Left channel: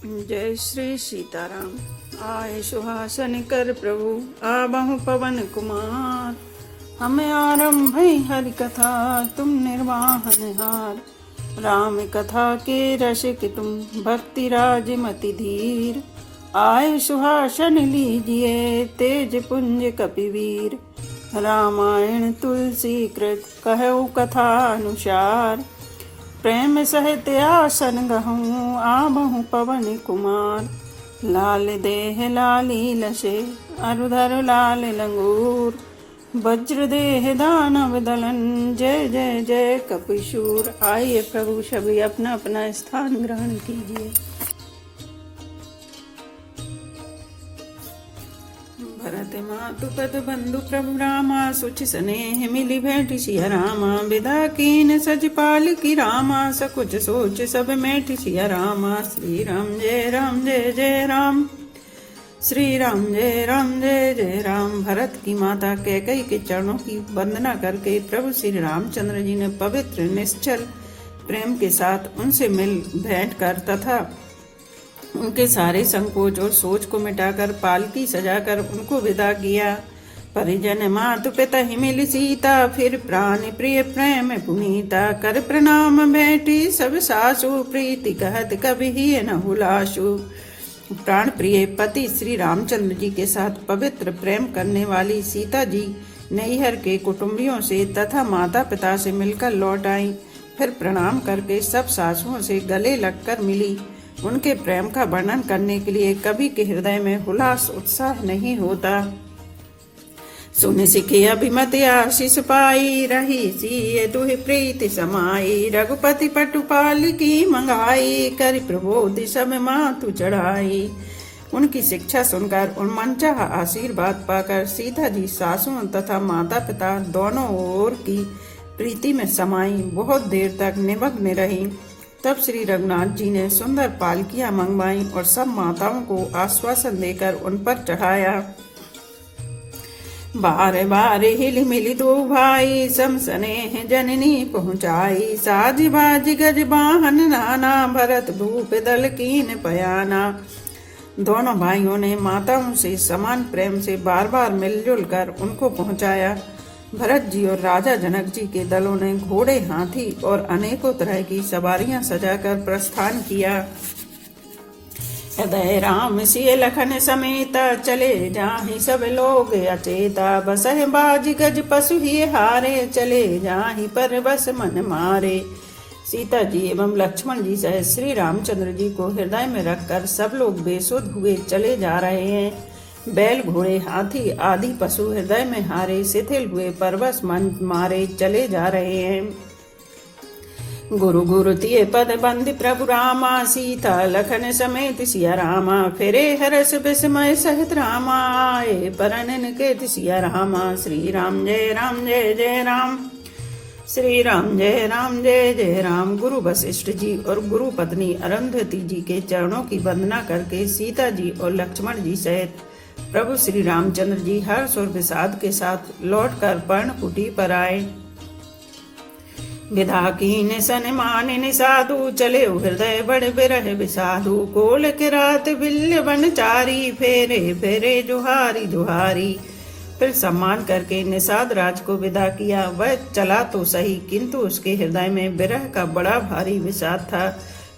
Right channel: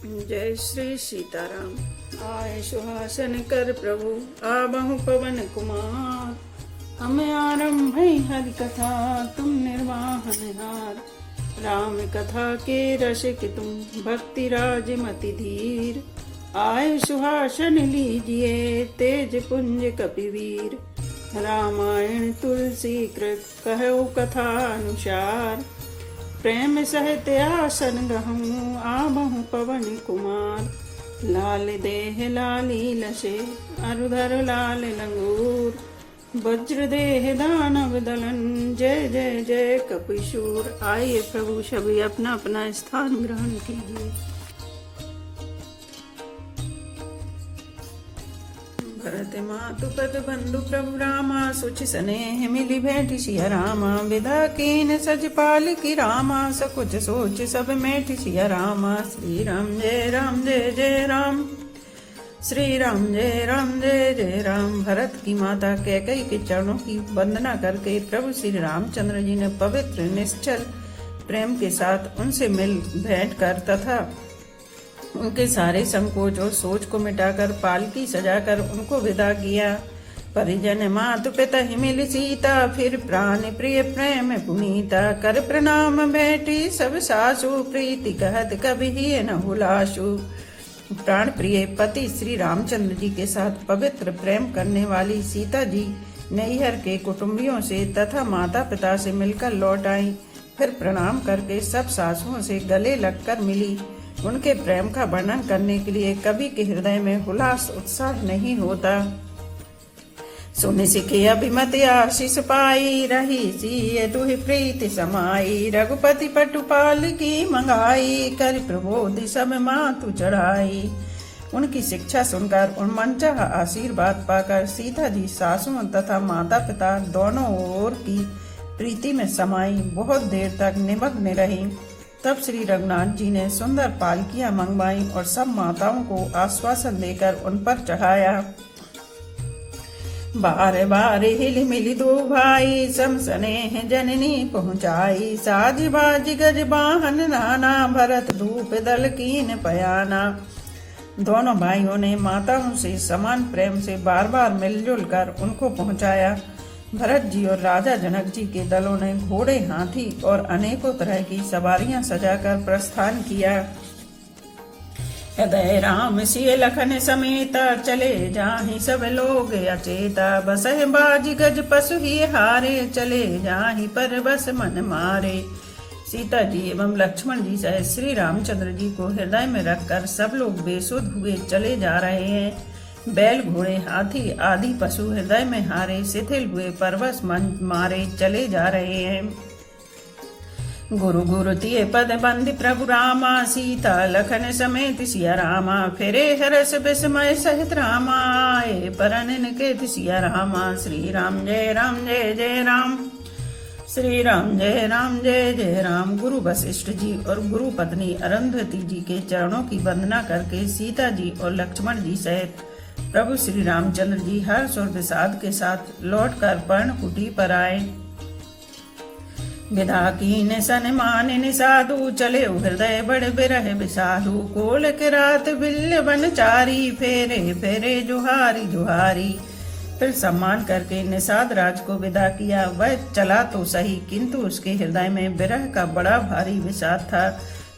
जय श्री सीताराम। आए सुहासन कर प्रभु आबहु पवन कुमार। हमें आरंभ हरि कथा तुम निर्वाहन हार। राम कथा के रसिक तुम भक्ति राज मति धीर। आए सुहासन लीजिए तेज पुंज कपिवीर। रामायण तुलसी कृत कहु कथा अनुसार। प्रेम सहित आसन गहूँ आबहु पवन कुमार। लाल देह लाली लसे अरुधर लाल लंगूर। वज्र देह दानव दलन जय जय जय कपिशूर। आइए प्रभु सभी अपना अपना स्थान ग्रहण कीजिए। भरत मातु पद बंधु प्रभु रामा सुचि स्नेह मिली भेंट सिया रामा। विदा कीन सज पाल की रामा सकुच सोच सब मेट सिया रामा। श्री राम जय राम जय जय राम। श्री राम जय राम जय जय राम। भरत की माता कैकेयी के चरणों की वंदना करके प्रभु श्री रामचंद्र जी ने पवित्र निश्चल प्रेम के साथ उनसे मिल भेंट कर तथा उनके सारे संकोच और सोच को मिटाकर पालकी सजाकर उनको विदा किया। परिजन मातु पिता ही मिली सीता फिर प्राण प्रिय प्रेम पुनीता। कर प्रणाम भेंटी सब सासु प्रीति कहत कभी ही न हुलासु। प्राण प्रिय पति श्री रामचंद्र जी के साथ पवित्र प्रेम करने वाली सीता जी नैहर के कुटुंबियों से तथा माता पिता से मिलकर लौट आई। फिर प्रणाम करके सब सासुओं से गले लगकर मिली। उनके प्रेम का वर्णन करने के लिए कवि के हृदय में हुलास उत्साह नहीं होता। सुन सिखे अभिमत आशीष पाई रही सी दुहि प्रीति समाई। रघुपति पटुपाल की मंगाई कर प्रबोधि सब मातु चढ़ाई। उनकी शिक्षा सुनकर और मनचाहा आशीर्वाद पाकर सीता जी सासुओं तथा माता पिता दोनों ओर की प्रीति में समाई बहुत देर तक निमग्न रही। तब श्री रघुनाथ जी ने सुंदर पालकियां मंगवाई और सब माताओं को आश्वासन देकर उन पर चढ़ाया। बार बार हिल मिली दो भाई सम स्नेह जननी पहुँचाई। साज बाज गज वाहन नाना भरत धूप दल कीन पयाना। दोनों भाइयों ने माताओं से समान प्रेम से बार बार मिलजुल कर उनको पहुँचाया। भरत जी और राजा जनक जी के दलों ने घोड़े हाथी और अनेकों तरह की सवारियां सजाकर प्रस्थान किया। सदय राम सिय लखन समेत चले जाहि सब लोग अचेता। बसह बाज गज पशु ही हारे चले जाहि पर बस मन मारे। सीता जी एवं लक्ष्मण जी सहित श्री रामचंद्र जी को हृदय में रखकर सब लोग बेसुध हुए चले जा रहे हैं। बैल घोड़े हाथी आदि पशु हृदय में हारे शिथिल हुए परवश मन मारे चले जा रहे हैं। गुरु गुरु तिये पद बंद प्रभु रामा। सीता लखन समेत सिया रामा। फिरे हरस विस्मय सहित रामा। आए परन के सिया रामा। श्री राम जय राम जय जय राम। श्री राम जय राम जय जय राम। गुरु वशिष्ठ जी और गुरु पत्नी अरुंधति जी के चरणों की वंदना करके सीता जी और लक्ष्मण जी सहित प्रभु श्री रामचंद्र जी हर्ष और विषाद के साथ लौटकर पर्णकुटी पर आए। विदा कीन सन्मान साधु चले हृदय बड़ बिरह विसाधु। कोल के रात बिल्य बनचारी फेरे फेरे जुहारी जुहारी। फिर सम्मान करके निषाद राज को विदा किया। वह चला तो सही किंतु उसके हृदय में विरह का बड़ा भारी विषाद था।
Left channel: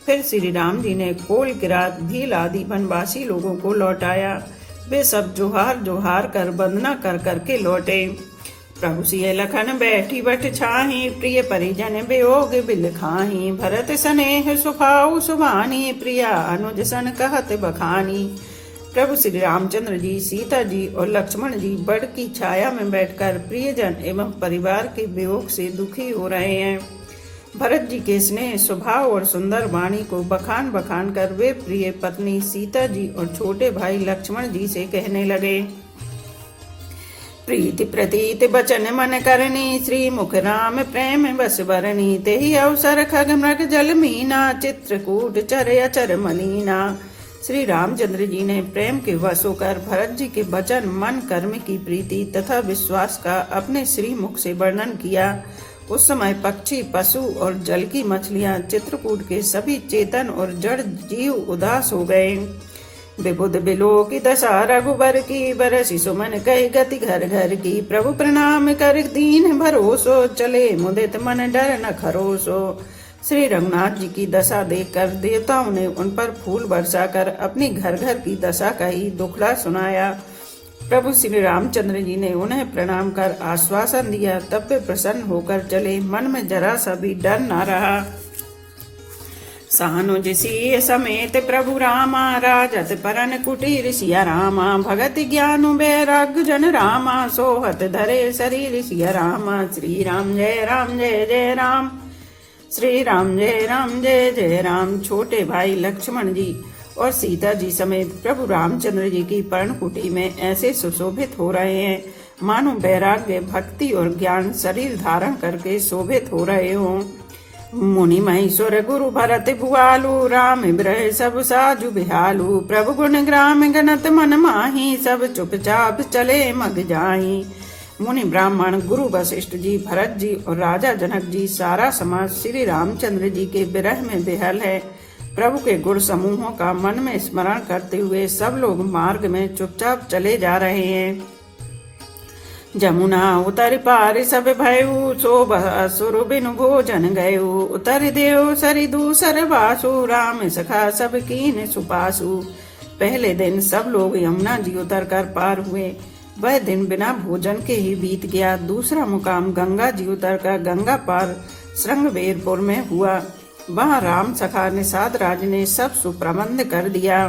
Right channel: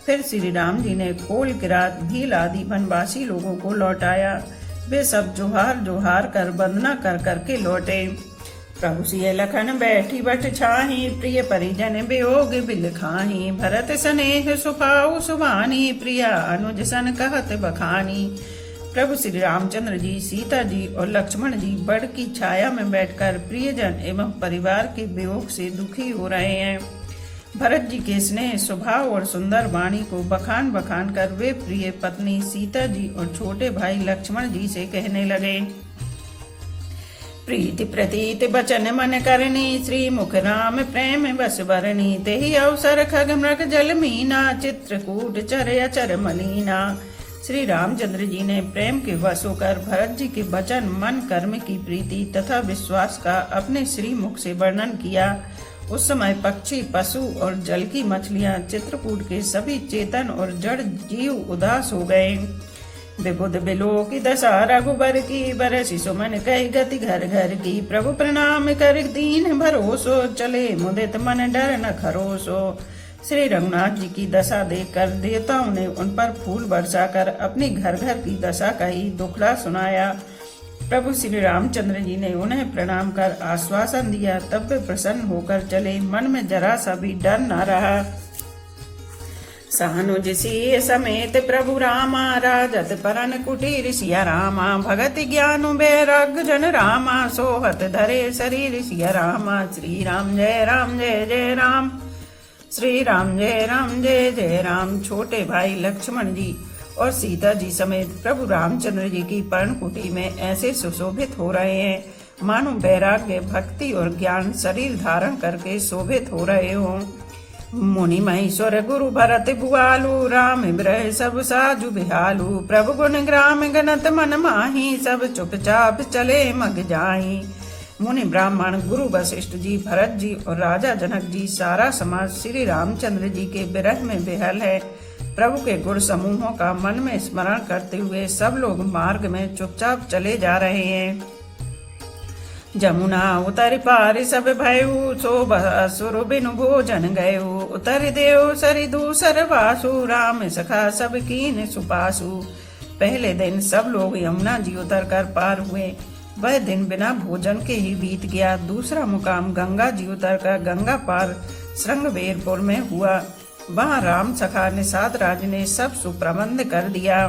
फिर श्री राम जी ने कोल के रात भील आदि वनवासी लोगों को लौटाया। वे सब जोहार जोहार कर वंदना कर करके लौटे। प्रभु सिय लखन बैठी बट छाही। प्रिय परिजन वियोग बिल खाही। भरत स्नेह सुभाऊ सुभानी। प्रिया अनुज सन कहत बखानी। प्रभु श्री रामचंद्र जी सीता जी और लक्ष्मण जी बड़ की छाया में बैठकर प्रियजन एवं परिवार के वियोग से दुखी हो रहे हैं। भरत जी के स्नेह स्वभाव और सुंदर वाणी को बखान बखान कर वे प्रिय पत्नी सीता जी और छोटे भाई लक्ष्मण जी से कहने लगे। प्रीति प्रतीत बचन मन करनी। श्री मुख राम प्रेम बस बरनी। तेहि अवसर खग मृग जल मीना। चित्रकूट चर अचर मलीना। श्री रामचंद्र जी ने प्रेम के वश होकर भरत जी के वचन मन कर्म की प्रीति तथा विश्वास का अपने श्री मुख से वर्णन किया उस समय पक्षी, पशु और जल की मछलियां, चित्रकूट के सभी चेतन और जड़ जीव उदास हो गए। विबुध बिलो की दशा रघुबर की, बरसी सुमन कई गति घर घर की। प्रभु प्रणाम कर दीन भरोसो, चले मुदित मन डर न खरोसो। श्री रघुनाथ जी की दशा देखकर देवताओं ने उन पर फूल बरसाकर अपनी घर घर की दशा का ही दुखड़ा सुनाया। प्रभु श्री रामचंद्र जी ने उन्हें प्रणाम कर आश्वासन दिया, तब वे प्रसन्न होकर चले, मन में जरा सा भी डर न रहा। सानुज सिय समेत प्रभु रामा, राजत परन कुटीर सिया रामा। भगत ज्ञानु बैराग्य जन रामा, सोहत धरे शरीर सिया रामा। श्री राम जय जय राम, श्री राम जय जय राम। छोटे भाई लक्ष्मण जी और सीता जी समेत प्रभु रामचंद्र जी की पर्णकुटी में ऐसे सुशोभित हो रहे हैं मानो वैराग्य, भक्ति और ज्ञान शरीर धारण करके शोभित हो रहे हों। मुनि महेश्वर गुरु भरत भुआलु, राम ब्रह सब साजु बिहालु। प्रभु गुण ग्राम गणत मन माही, सब चुपचाप चले मग जाही। मुनि ब्राह्मण गुरु वशिष्ठ जी, भरत जी और राजा जनक जी, सारा समाज श्री रामचंद्र जी के विरह में विहल है। प्रभु के गुण समूहों का मन में स्मरण करते हुए सब लोग मार्ग में चुपचाप चले जा रहे हैं। जमुना उतर पार सब भयउ, सो असुर बिनु भोजन गयु। उतर देव सरि दूसर वासु, राम सखा सब कीन सुपासु। पहले दिन सब लोग यमुना जी उतर कर पार हुए। वह दिन बिना भोजन के ही बीत गया। दूसरा मुकाम गंगा जी उतर कर गंगा पार श्रृंगवेरपुर में हुआ। वहाँ राम सखा निषाद राज ने सब सुप्रबंध कर दिया।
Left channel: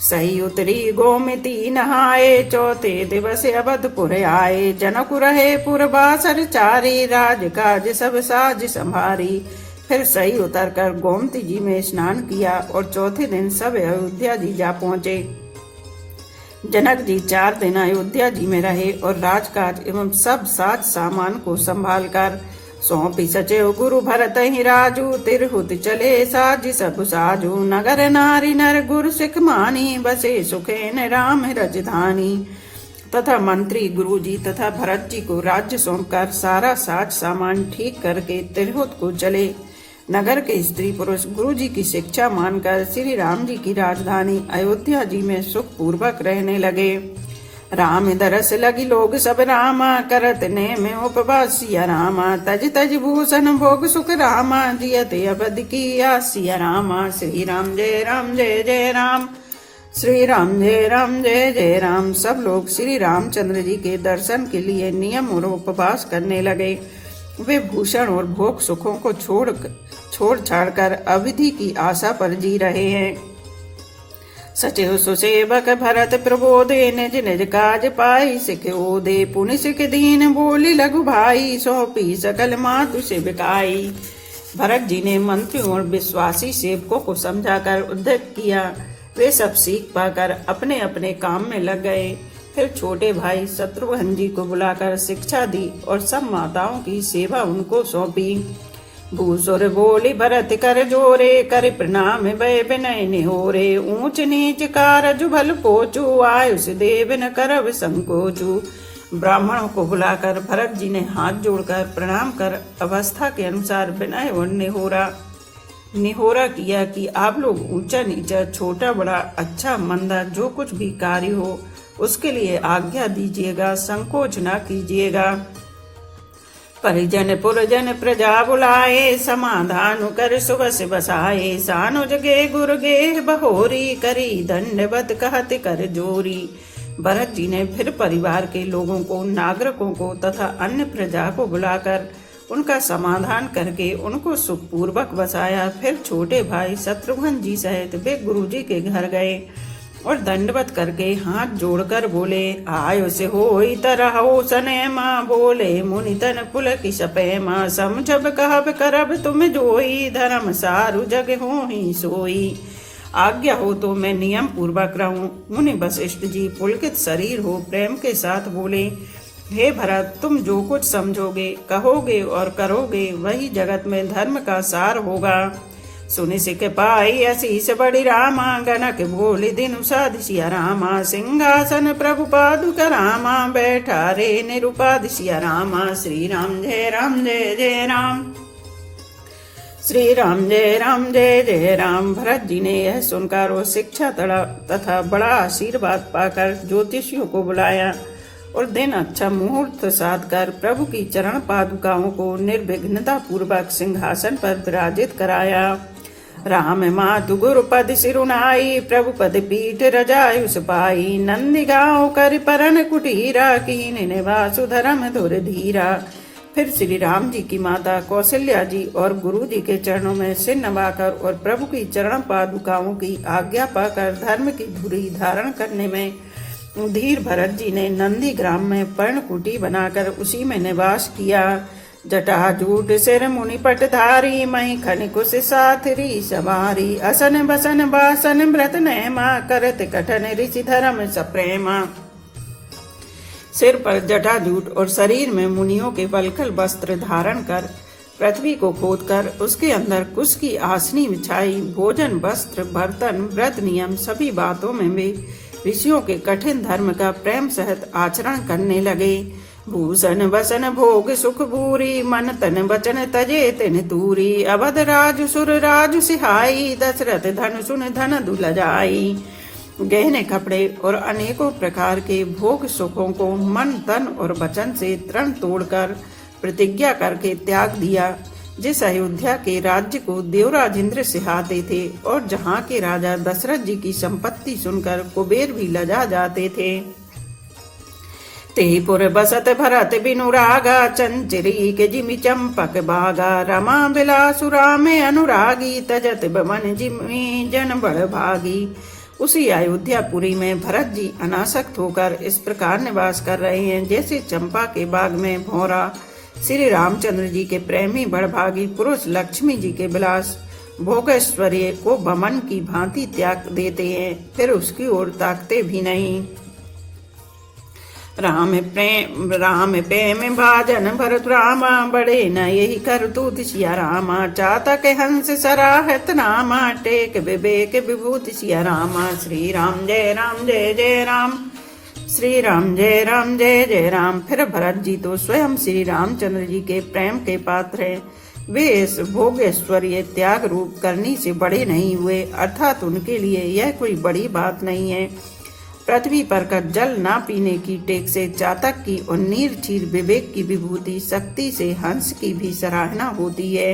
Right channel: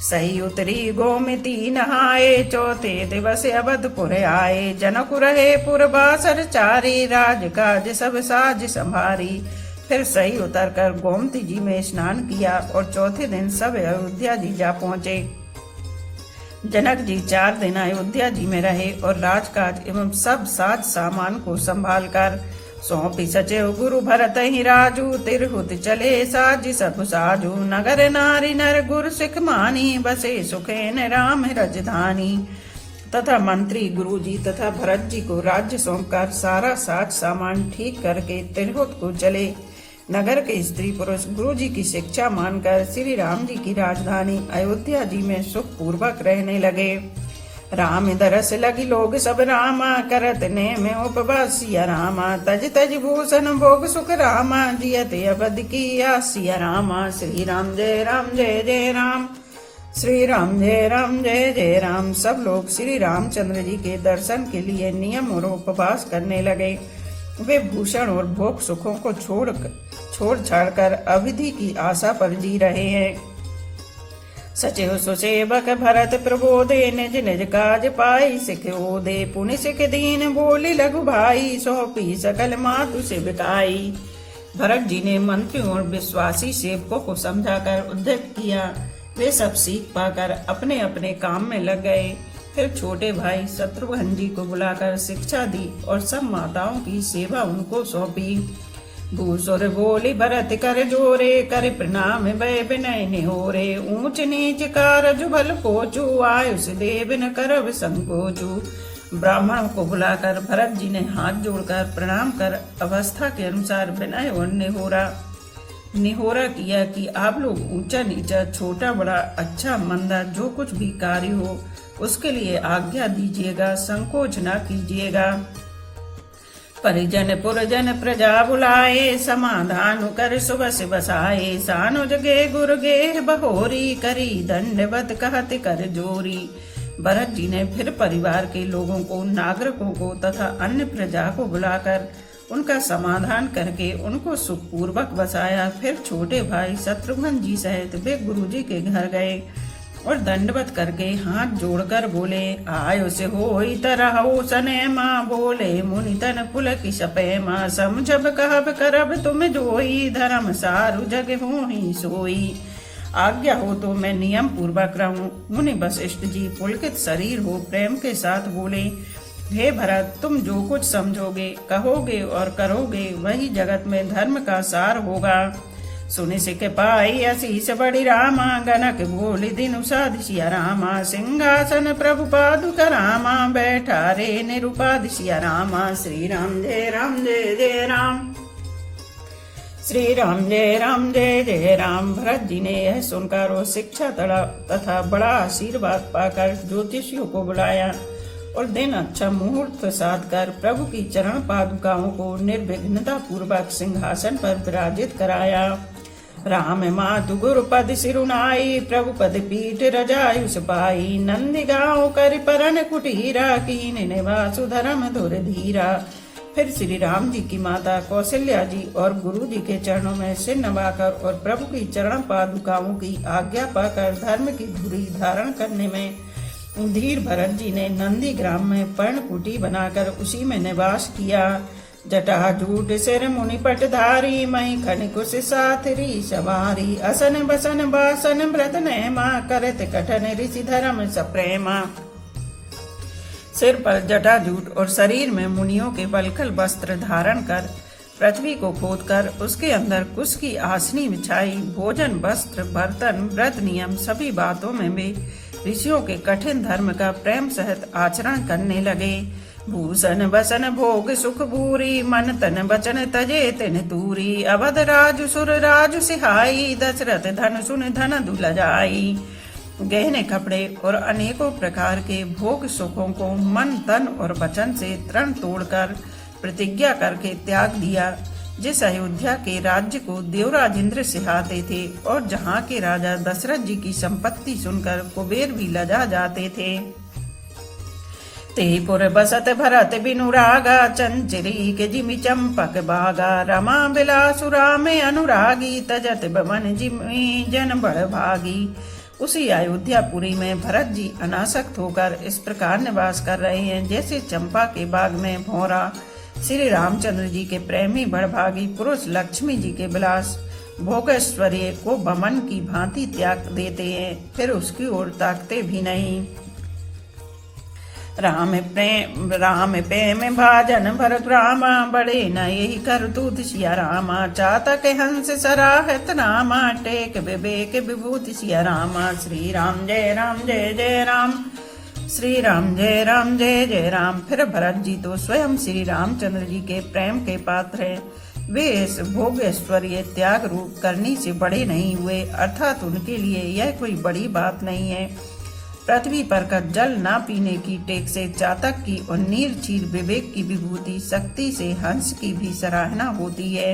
सही उतरी गोमती नहाए, चौथे दिवस अवधपुर आए। जनक रहे पुरबासर चारी, राज काज सब साज संभारी। फिर सही उतर कर गोमती जी में स्नान किया और चौथे दिन सब अयोध्या जी जा पहुँचे। जनक जी 4 दिन अयोध्या जी में रहे और राजकाज एवं सब साज सामान को संभाल कर सौंपी सचिव गुरु भरत ही राजू। तिरहुत चले साज सब साजू, नगर नारी नर गुरु सिख मानी। बसे सुखेन राम राजधानी। तथा मंत्री गुरु जी तथा भरत जी को राज्य सौंपकर सारा साज सामान ठीक करके तिरहुत को चले। नगर के स्त्री पुरुष गुरु जी की शिक्षा मानकर श्री राम जी की राजधानी अयोध्या जी में सुख पूर्वक रहने लगे। राम दरस लगी लोग सब रामा, करत ने में उपवास सिया रामा। तज तज भूषण भोग सुख रामा, जियते अवध की आसिया रामा। श्री राम जय जय राम, श्री राम जय जय राम। सब लोग श्री रामचंद्र जी के दर्शन के लिए नियम और उपवास करने लगे। वे भूषण और भोग सुखों को छोड़ छाड़ कर अविधि की आशा पर जी रहे हैं। सचिव सुसेवक भरत प्रबोधे, निज निज काज पाई सिख ओदे। पुनि सिख दीन बोली लघु भाई, सौंपी सकल मातु से बिकाई। भरत जी ने मंत्रियों और विश्वासी सेवकों को समझाकर उद्धत किया। वे सब सीख पाकर अपने अपने काम में लग गए। फिर छोटे भाई शत्रुघ्न जी को बुलाकर शिक्षा दी और सब माताओं की सेवा उनको सौंपी। भूसुर बोली भरत कर जोरे, कर प्रणाम भय विनय निहोरे। ऊंच नीच कारज भल पोचू, आयुष देव न करब संकोचू। ब्राह्मणों को बुलाकर भरत जी ने हाथ जोड़कर प्रणाम कर अवस्था के अनुसार विनय और निहोरा किया कि आप लोग ऊंचा नीचा, छोटा बड़ा, अच्छा मंदा जो कुछ भी कार्य हो उसके लिए आज्ञा दीजिएगा, संकोच न कीजिएगा। परिजन पुरजन प्रजा बुलाए, समाधान कर सुबस बसाए। सानो जगे गुरु गेर बहोरी, करी दंडवत कहत कर जोरी। भरत जी ने फिर परिवार के लोगों को, नागरिकों को तथा अन्य प्रजा को बुलाकर उनका समाधान करके उनको सुखपूर्वक बसाया। फिर छोटे भाई शत्रुघ्न जी सहित वे गुरु जी के घर गए और दंडवत करके हाथ जोड़कर बोले, आयो से होई तरह सने माँ। बोले मुनि तन पुलक सपे माँ, समझब कहब करब तुम जोई। धर्म सारु जग होहि सोई, आज्ञा हो तो मैं नियम पूर्वक रहूं। मुनि वशिष्ठ जी पुलकित शरीर हो प्रेम के साथ बोले, हे भरत, तुम जो कुछ समझोगे, कहोगे और करोगे वही जगत में धर्म का सार होगा। सुनि सिख पाई असीस बड़ी रामा, गनक बोली दिनु साध सिया रामा। सिंहासन प्रभु पादुक रामा, बैठा रे निरुपाद सिया रामा। श्री राम जय राम जय जय राम। श्री राम जय जय राम। भरत जी ने यह सुनकर और शिक्षा तथा बड़ा आशीर्वाद पाकर ज्योतिषियों को बुलाया और दिन अच्छा मुहूर्त साध कर प्रभु की चरण पादुकाओं को निर्विघ्नता पूर्वक सिंहासन पर विराजित कराया। राम मातु गुरु पद सिरुनाई, प्रभु पद पीठ रजायु सपाई। नंदी गाँव कर परन कुटीरा, कीन निवासु धर्म धुर धीरा। फिर श्री राम जी की माता कौशल्या जी और गुरु जी के चरणों में सिर नवाकर और प्रभु की चरण पादुकाओं की आज्ञा पाकर धर्म की धुरी धारण करने में धीर भरत जी ने नंदी ग्राम में पर्णकुटी बनाकर उसी में निवास किया। जटाजूट सिर मुनि पटधारी, मई खन कुश साथरी सवारी। असन बसन बासन व्रत नेमा, करत कठन ऋषि धर्म सप्रेमा। सिर पर जटाजूट और शरीर में मुनियों के वल्कल वस्त्र धारण कर पृथ्वी को खोदकर उसके अंदर कुश की आसनी बिछाई। भोजन वस्त्र बर्तन व्रत नियम सभी बातों में वे ऋषियों के कठिन धर्म का प्रेम सहित आचरण करने लगे। भूषण वसन भोग सुख भूरी, मन तन वचन तजे तिन दूरी। अवध राजु सुर राजु सिहाई, दशरथ धन सुन धन दुलजाई। गहने कपड़े और अनेकों प्रकार के भोग सुखों को मन तन और वचन से तृण तोड़कर प्रतिज्ञा करके त्याग दिया। जिस अयोध्या के राज्य को देवराज इंद्र सिहाते थे और जहाँ के राजा दशरथ जी की संपत्ति सुनकर कुबेर भी लजा जाते थे। तेपुर बसत भरत बिनु रागा, चंचरी के जिमि चंपक बागा। रमा बिलासुरा में अनुरागी, तजत बमन जिमि जन बड़ भागी। उसी अयोध्यापुरी में भरत जी अनासक्त होकर इस प्रकार निवास कर रहे हैं जैसे चंपा के बाग में भौरा श्री रामचंद्र जी के प्रेमी बड़भागी पुरुष लक्ष्मी जी के विलास भोगैश्वर्य को बमन की भांति त्याग देते हैं, फिर उसकी ओर ताकते भी नहीं। राम प्रेम भाजन भरत रामा, बड़े न यही करतूत सिया रामा। चातक हंस सराहत नामा, टेक विवेक विभूति सिया रामा। श्री राम जय जय राम। श्री राम जय जय राम। फिर भरत जी तो स्वयं श्री रामचंद्र जी के प्रेम के पात्र हैं। वे इस भोगेश्वर्य त्याग रूप करनी से बड़े नहीं हुए, अर्थात उनके लिए यह कोई बड़ी बात नहीं है। पृथ्वी पर का जल ना पीने की टेक से चातक की और नीर चीर विवेक की विभूति शक्ति से हंस की भी सराहना होती है।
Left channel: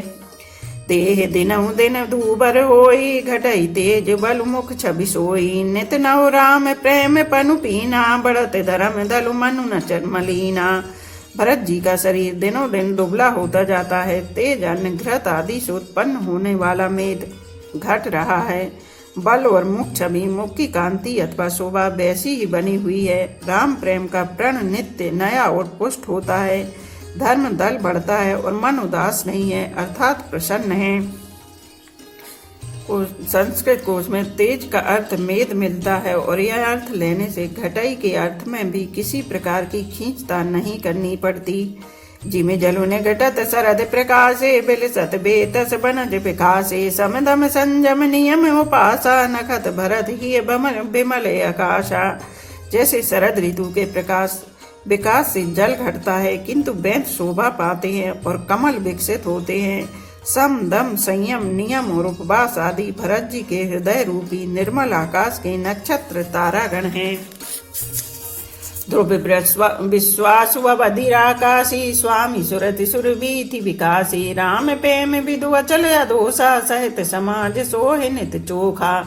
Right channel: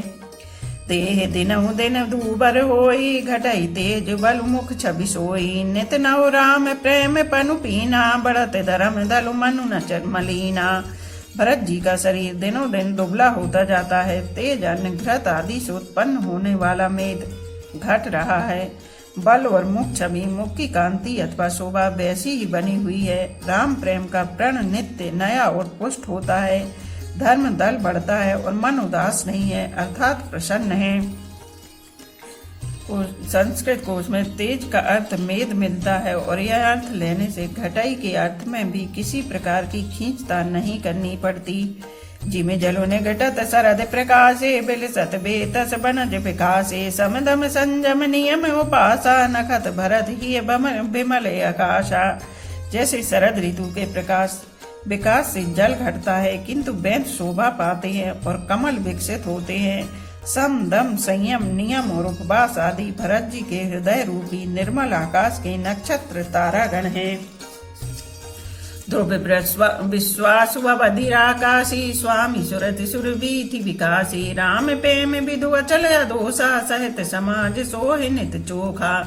देह दिनहु दिन धूबर होई, घटई तेज बल मुख छवि सोई। नित नव राम प्रेम पनु पीना, बढ़त धर्म दलु मनु न चरमलीना। भरत जी का शरीर दिनों दिन दुबला होता जाता है। तेज अन्न घृत आदि से उत्पन्न होने वाला मेद घट रहा है। बल और मुख छवि मुख की कांति अथवा शोभा वैसी ही बनी हुई है। राम प्रेम का प्रण नित्य नया और पुष्ट होता है। धर्म दल बढ़ता है और मन उदास नहीं है, अर्थात प्रसन्न है। संस्कृत कोश में तेज का अर्थ मेद मिलता है और यह अर्थ लेने से घटाई के अर्थ में भी किसी प्रकार की खींचतान नहीं करनी पड़ती। जिमे जलो ने घटत सरद प्रकाशे, बिलसत बेतस बनज विकासे। समदम संजम नियम उपासा, नखत भरत ही बिमल आकाशा। जैसे शरद ऋतु के प्रकाश विकास से जल घटता है किंतु वेद शोभा पाते हैं और कमल विकसित होते हैं। सम दम संयम नियम और उपवास आदि भरत जी के हृदय रूपी निर्मल आकाश के नक्षत्र तारागण हैं। ध्रुव विश्वास बधिराकाशी, स्वामी सुरति सुरवीथि विकासी। राम प्रेम विदु अचल अदोषा, सहित समाज सोहि नित चोखा।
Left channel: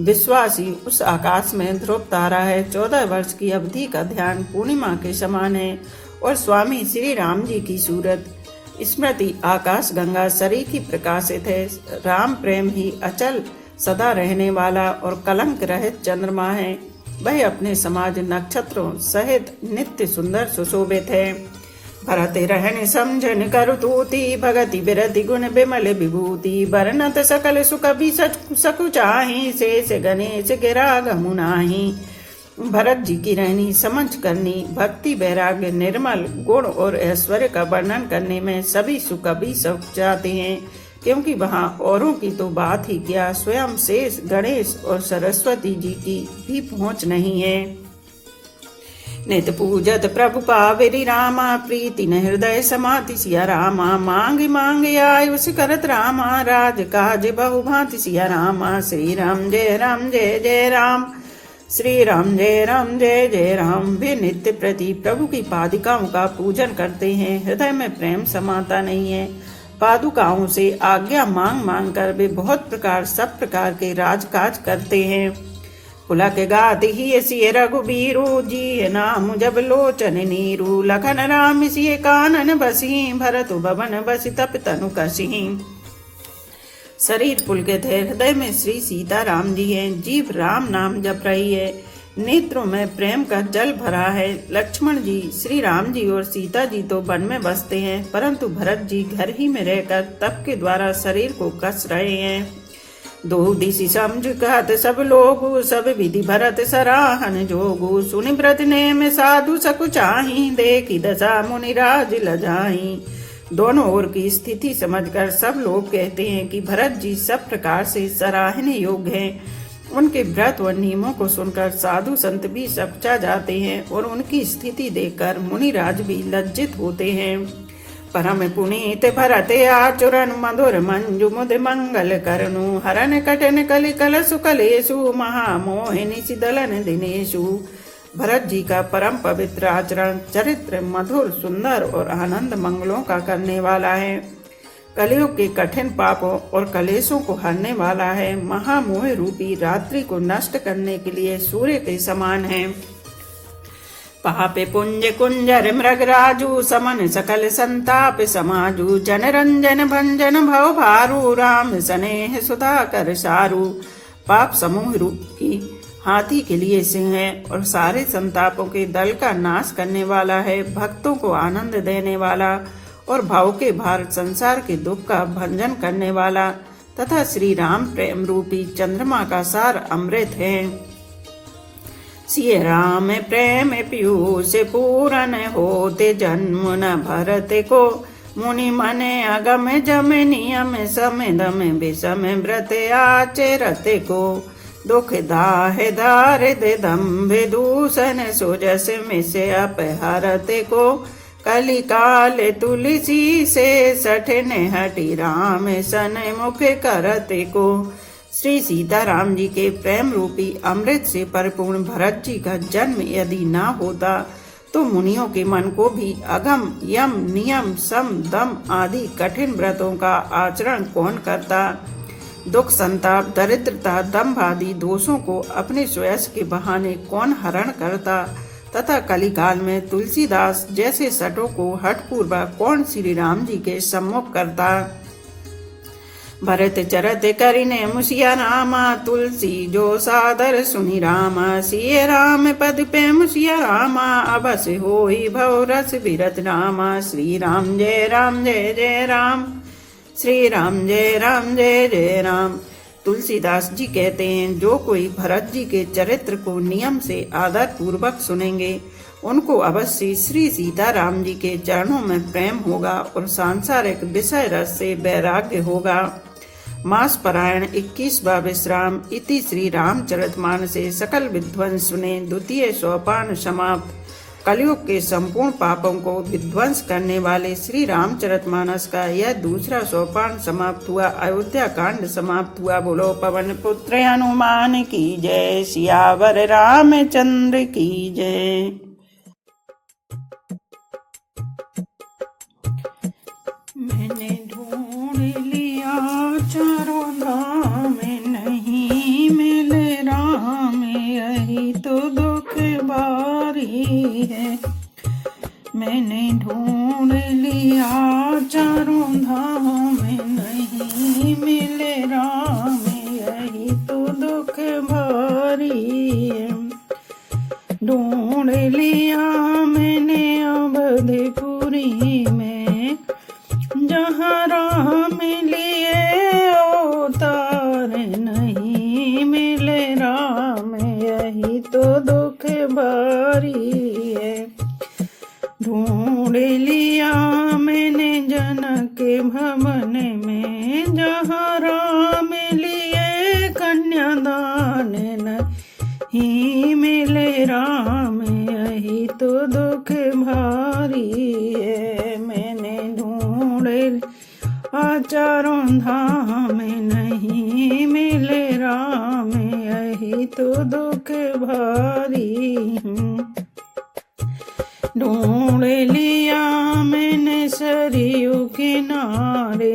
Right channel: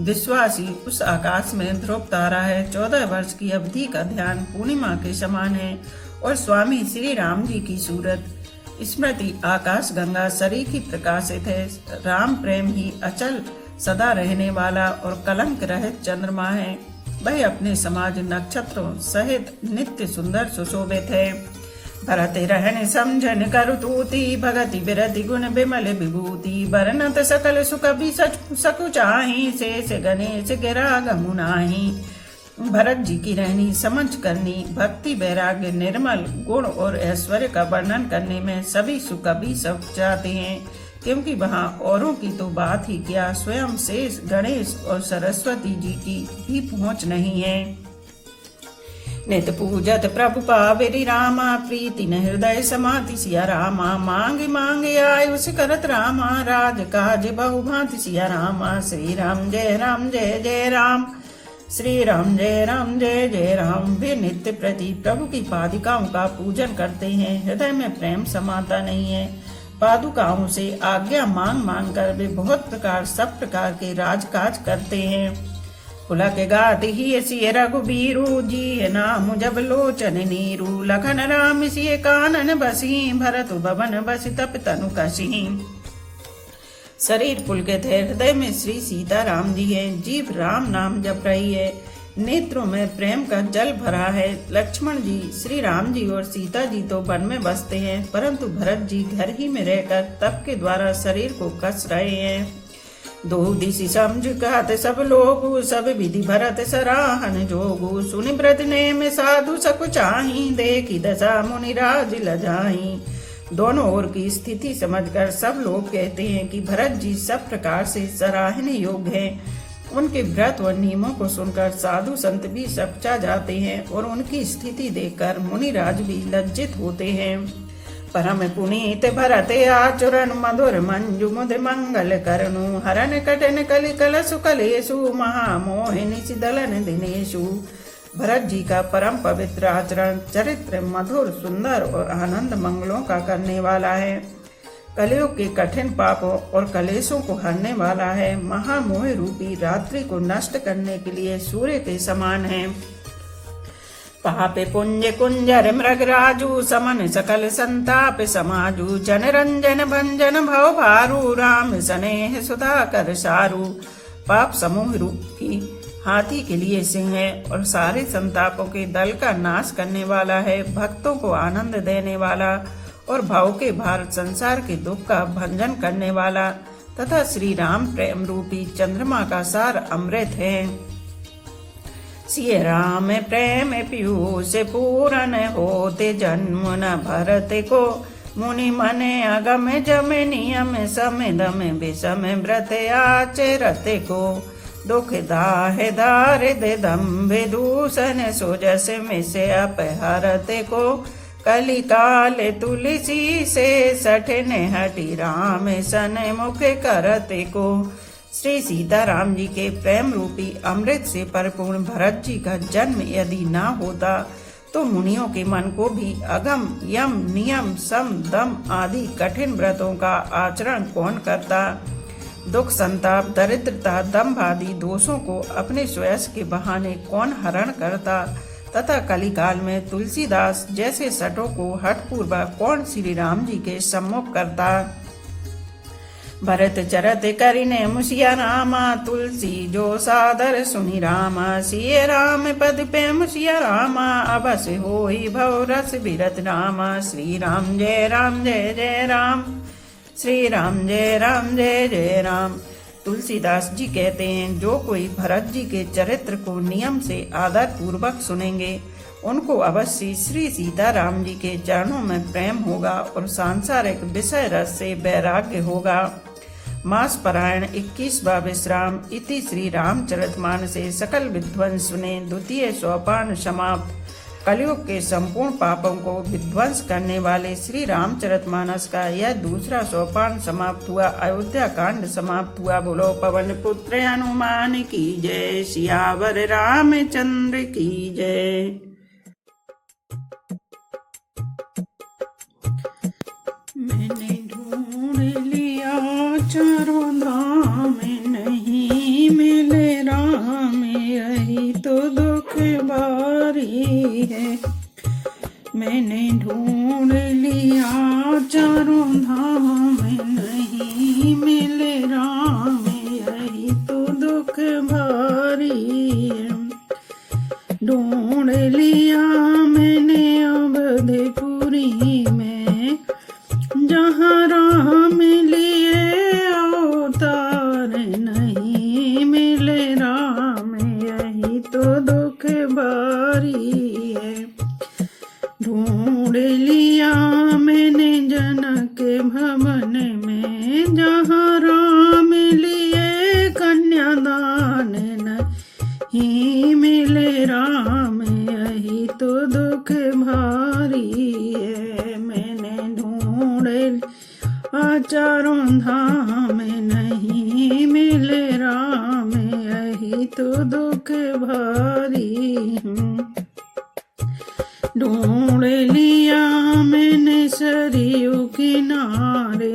विश्वासी उस आकाश में ध्रुव तारा है। 14 वर्ष की अवधि का ध्यान पूर्णिमा के समान है और स्वामी श्री राम जी की सूरत स्मृति आकाश गंगा सरीखी प्रकाशित है। राम प्रेम ही अचल सदा रहने वाला और कलंक रहित चंद्रमा है। वह अपने समाज नक्षत्रों सहित नित्य सुंदर सुशोभित है। भरत रहन समझन करतूति, भगति बिरति गुण बिमल विभूति। वर्णत सकल सुख भी सकुचाही, शेष गणेश गिरा गमुनाही। भरत जी की रहनी समझ करनी, भक्ति वैराग्य निर्मल गुण और ऐश्वर्य का वर्णन करने में सभी सुख भी सब चाहते हैं। क्योंकि वहाँ औरों की तो बात ही क्या, स्वयं शेष, गणेश और सरस्वती जी की भी पहुँच नहीं है। नित पूजत प्रभु पावेरी रामा, प्रीति न हृदय समाति सिया रामा। मांग मांगे आयुष करत रामा, राज काज बहु भांति सिया रामा। श्री राम जय राम जय जय राम, श्री राम जय राम जय जय राम। वे नित्य प्रति प्रभु की पादुकाओं का पूजन करते हैं, हृदय में प्रेम समाता नहीं है। पादुकाओं से आज्ञा मांग मांग कर वे बहुत प्रकार सब प्रकार के राजकाज करते हैं। पुलक गात ही सिय रघुबीरु, जी नाम जब लोचन नीरू। लखन राम सिय कानन बसी, भरत भवन बसी तप तनु कसी। शरीर पुलकित है, हृदय में श्री सीता राम जी हैं, जीभ राम नाम जप रही है, नेत्रों में प्रेम का जल भरा है। लक्ष्मण जी, श्री राम जी और सीता जी तो वन में बसते हैं, परंतु भरत जी घर ही में रहकर तप के द्वारा शरीर को कस रहे हैं। दो दिशि समझ कहत सब लोगु, सब विधि भरत सराहन जोगु। सुनि व्रत नेम साधु सकुचाही, देखी दशा मुनि राज लजाही। दोनों ओर की स्थिति समझकर सब लोग कहते हैं कि भरत जी सब प्रकार से सराहने योग्य हैं। उनके व्रत व नियमों को सुनकर साधु संत भी सकुचा जाते हैं और उनकी स्थिति देखकर मुनिराज भी लज्जित होते हैं। परम पुनीत भरत आचरण, मधुर मंजु मुद मंगल करनु। हरन कटन कलि कलसु कलेसु, महामोहिनी सिदलन दिनेशु। भरत जी का परम पवित्र आचरण, चरित्र मधुर सुंदर और आनंद मंगलों का करने वाला है। कलयुग के कठिन पापों और कलेशों को हरने वाला है। महामोह रूपी रात्रि को नष्ट करने के लिए सूर्य के समान है। पापे पुंज कुंजर मृगराजू, समन सकल संताप समाजू। जन रंजन भंजन भव भारू, राम स्नेह सुधाकर सारू। पाप समूह रूपी हाथी के लिए सिंह है और सारे संतापों के दल का नाश करने वाला है। भक्तों को आनंद देने वाला और भाव के भार संसार के दुख का भंजन करने वाला तथा श्री राम प्रेम रूपी चंद्रमा का सार अमृत है। सिय राम प्रेम पीयूष पूरन होते, जन्म न भरत को। मुनि मन अगम जम नियम, समय दम विषम व्रत आचरत को। दुख दाह दारिद दम्भ दूषण, सोजस में से अपहरत को। कलि काल तुलसी से सठन हटि, राम सन मुख करत को। श्री सीताराम जी के प्रेम रूपी अमृत से परिपूर्ण भरत जी का जन्म यदि न होता तो मुनियों के मन को भी अगम यम नियम सम दम आदि कठिन व्रतों का आचरण कौन करता। दुख संताप दरिद्रता दम्भ आदि दोषों को अपने स्वयं के बहाने कौन हरण करता तथा कलिकाल में तुलसीदास जैसे सटों को हठपूर्वक कौन श्री राम जी के सम्मुख करता। भरत चरत करिने मुसिया रामा, तुलसी जो सादर सुनि रामा। सिय राम पद पे मुसिया रामा, अबस होई भव रस बिरत रामा। श्री राम जय जय राम, श्री राम जय जय राम। तुलसीदास जी कहते हैं, जो कोई भरत जी के चरित्र को नियम से आदर पूर्वक सुनेंगे उनको अवश्य श्री सीताराम जी के चरणों में प्रेम होगा और सांसारिक विषय रस से वैराग्य होगा। मास परायण 21वां विश्राम। इति श्री रामचरितमानसे सकल विध्वंस सुने द्वितीय सोपान समाप्त। कलयुग के संपूर्ण पापों को विध्वंस करने वाले श्री रामचरितमानस का यह दूसरा सोपान समाप्त हुआ। अयोध्या कांड समाप्त हुआ। बोलो पवन पुत्र हनुमान की जय, सियावर रामचंद्र की जय। मैंने ढूंढ लिया चारों धाम, नहीं मिले राम, यही तो दुख बारी है। मैंने ढूंढ लिया चारों धाम, नहीं मिले राम, यही तो दुख भारी है। ढूंढ लिया दान नहीं मिले राम, यही तो दुख भारी है। मैंने ढूंढे चारों धाम, नहीं मिले राम, यही तो दुख भारी। ढूंढ लिया मैंने सरयू किनारे,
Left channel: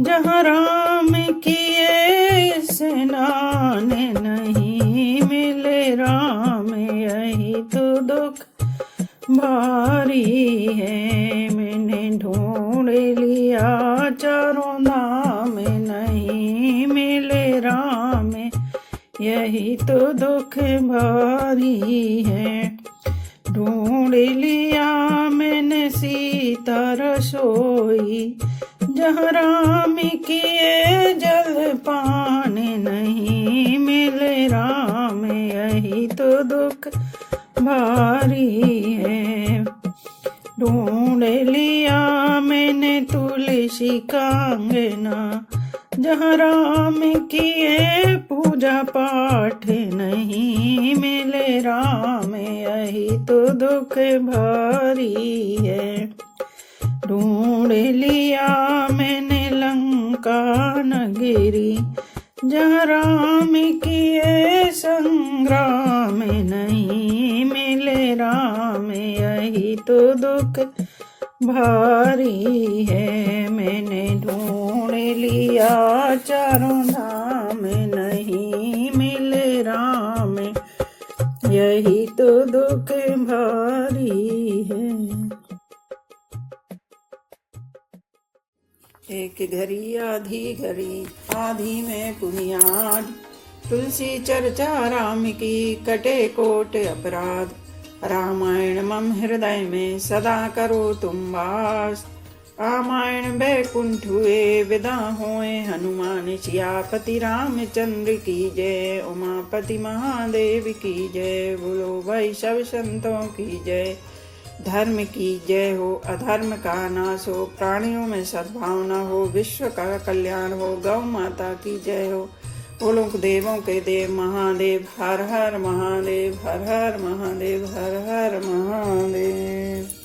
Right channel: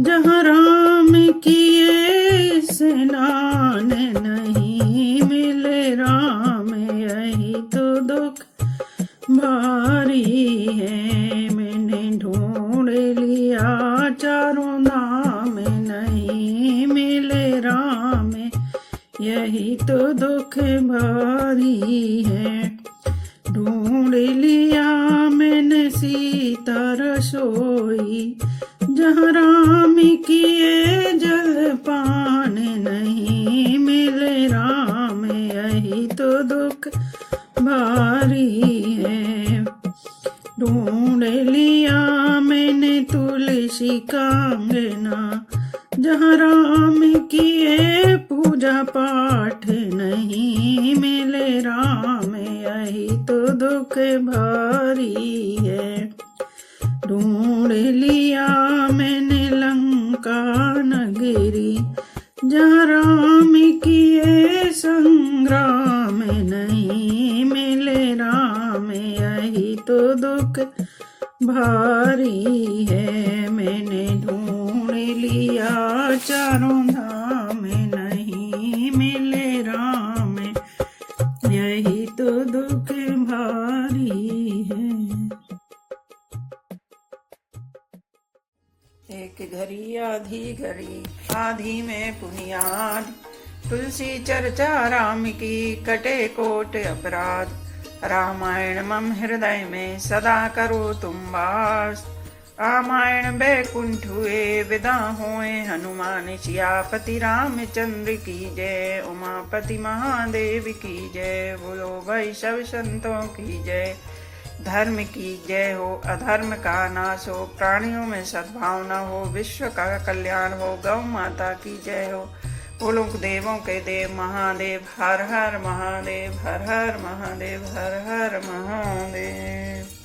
जहाँ राम किए स्नान, नहीं मिले राम, यही तो दुख भारी है। मैंने ढूंढ लिया चारों धाम, नहीं मिले राम, यही तो दुख भारी है। ढूंढ लिया मैंने सीता रसोई, जहाँ राम किए जल पान, नहीं मिले राम, यही तो दुख भारी है। ढूंढ लिया मैंने तुलसी का अंगना, जहाँ राम किए पूजा पाठ, नहीं मिले राम, यही तो दुख भारी है। ढूंढ लिया मैंने लंका नगरी, जहाँ राम किए संग्राम, नहीं मिले राम, यही तो दुख भारी है। मैंने ढूंढ लिया चारों धाम, नहीं मिले राम, यही तो दुख भारी है। एक घड़ी आधी में पुनियाद, तुलसी चर्चा राम की कटे कोट अपराध। रामायण मम हृदय में सदा करो तुम वास, रामायण बैकुंठ हुए विदा हुए हनुमान। सियापति रामचंद्र की जय, उमापति महादेव की जय। बोलो भाई सब संतों की जय। धर्म की जय हो, अधर्म का नाश हो, प्राणियों में सद्भावना हो, विश्व का कल्याण हो। गौ माता की जय हो। बोलो देवों के देव महादेव, हर हर महादेव, हर हर महादेव, हर हर महादेव।